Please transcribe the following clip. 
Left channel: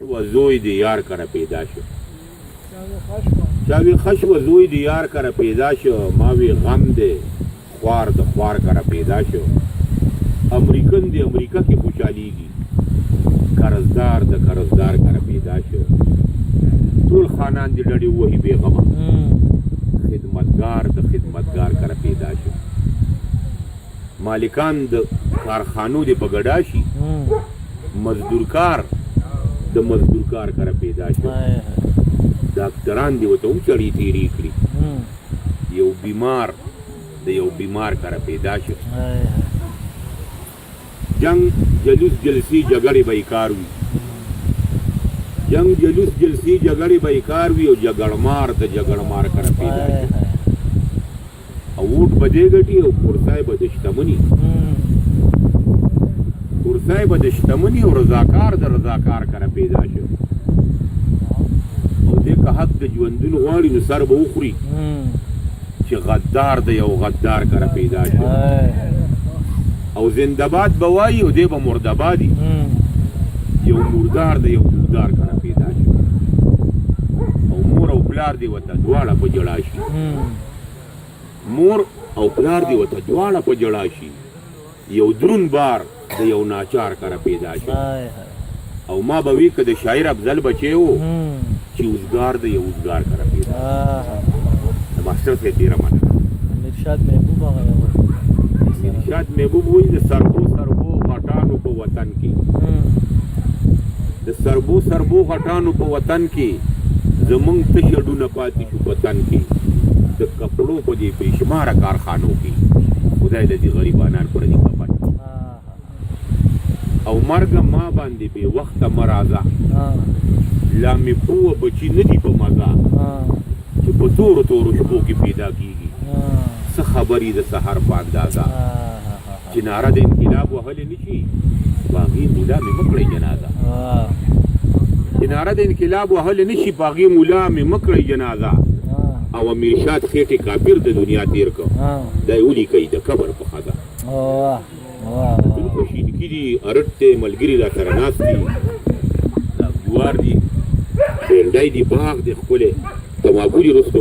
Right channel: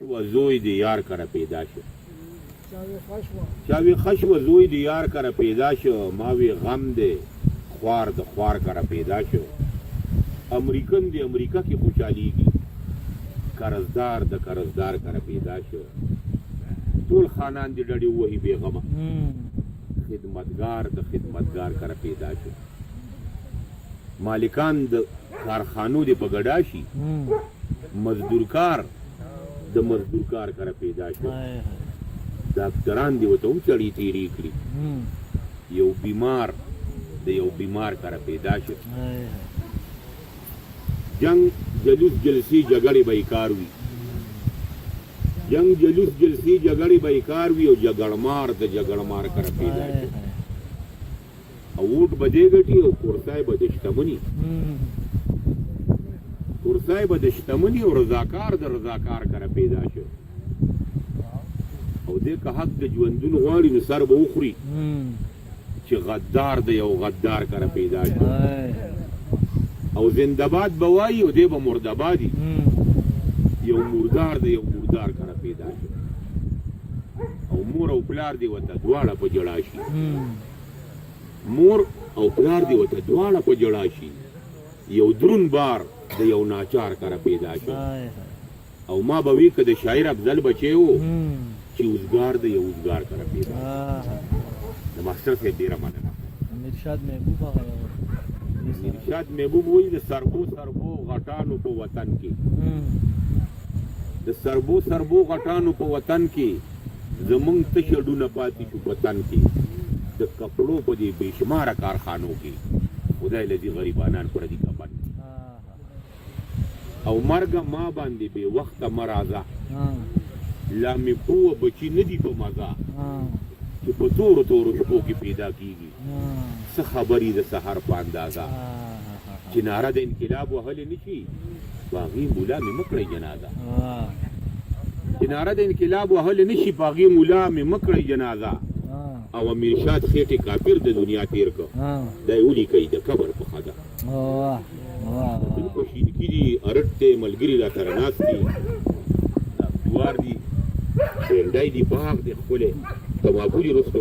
و زوی دی یار کره پیدا شو چاوی خشو زوی دی یار کره پیدا شو ماوی غم دی خوار د خوار کره پیدا شو امریکن دی امریکا کی خوشحالی دی قرضدار د قرضدار کره پیدا شو ټول خانان دی ډډی وਹੀ بیغمه خدمتگار د خدمتگار کره پیدا شو مالکان د کارخانو دی بغډا شي مزدورکار د مزدورکار کره پیدا شو ډاکټران دی وته چړی تیری کړی یو بیمار د یو بیمار کره پیدا شو جنگ جلوس جلسی جګړې بیکار وي جنگ جلوس جلسی جګړې بیکار وي او جګړمار د جګړمار کره پیدا شو او ووټ بده ګټي او کورسای بده شتمنی کورسای بده شتمنی او رضاکار د رضاکار کره پیدا شو او دې که حق د ژوندون غواړي نو سر به وخوري چې غدار د یو غدار کره پیدا شو او زنده‌باد به وایي او دې به مرده‌بادي یو مردار د یو مردار کره پیدا شو او مور او پلار دی ورته دواړه په جړا شي مور او پلار دی ورته دواړه په جړا شي یو درون بار د یو ناچار کره پیدا شو او ما به وی که د شاعر افضل بچی و چې اوزګار د یو اوزګار کره پیدا د ماسټر صاحب ډېره مننه ارشاد محبوب وایي د سربو سربو غټانو په وطن کې د سربو سربو غټانو په وطن کې زمونږ تش ډونه پاتې شو په تن کې د کپړو په دې بېشماره کارخانو کې خدای له دې غریبانان پردي کپن او مرګ ما باندې بې وخته مه راځه لا مې بوه بچي نه دي په مزه چې په تورو تورو شپو کې پیدا کېږي څه خبرې د سهار په اندازه چې ناره د انقلاب وهلی نه شي په هغې مولا مې مه کړئ جنازه چې ناره د انقلاب وهلی نه شي په هغې مولا مې مه کړئ جنازه او امیرشاد خېټې کافر د دنیا تېر کړ دا یې ولیکئ د قبر په خزه بالکل شینکي دي ارټ دی ملګري را سره ناست دي جوار دي بینډی دي باغ دی ښکلی تماکو دي رستو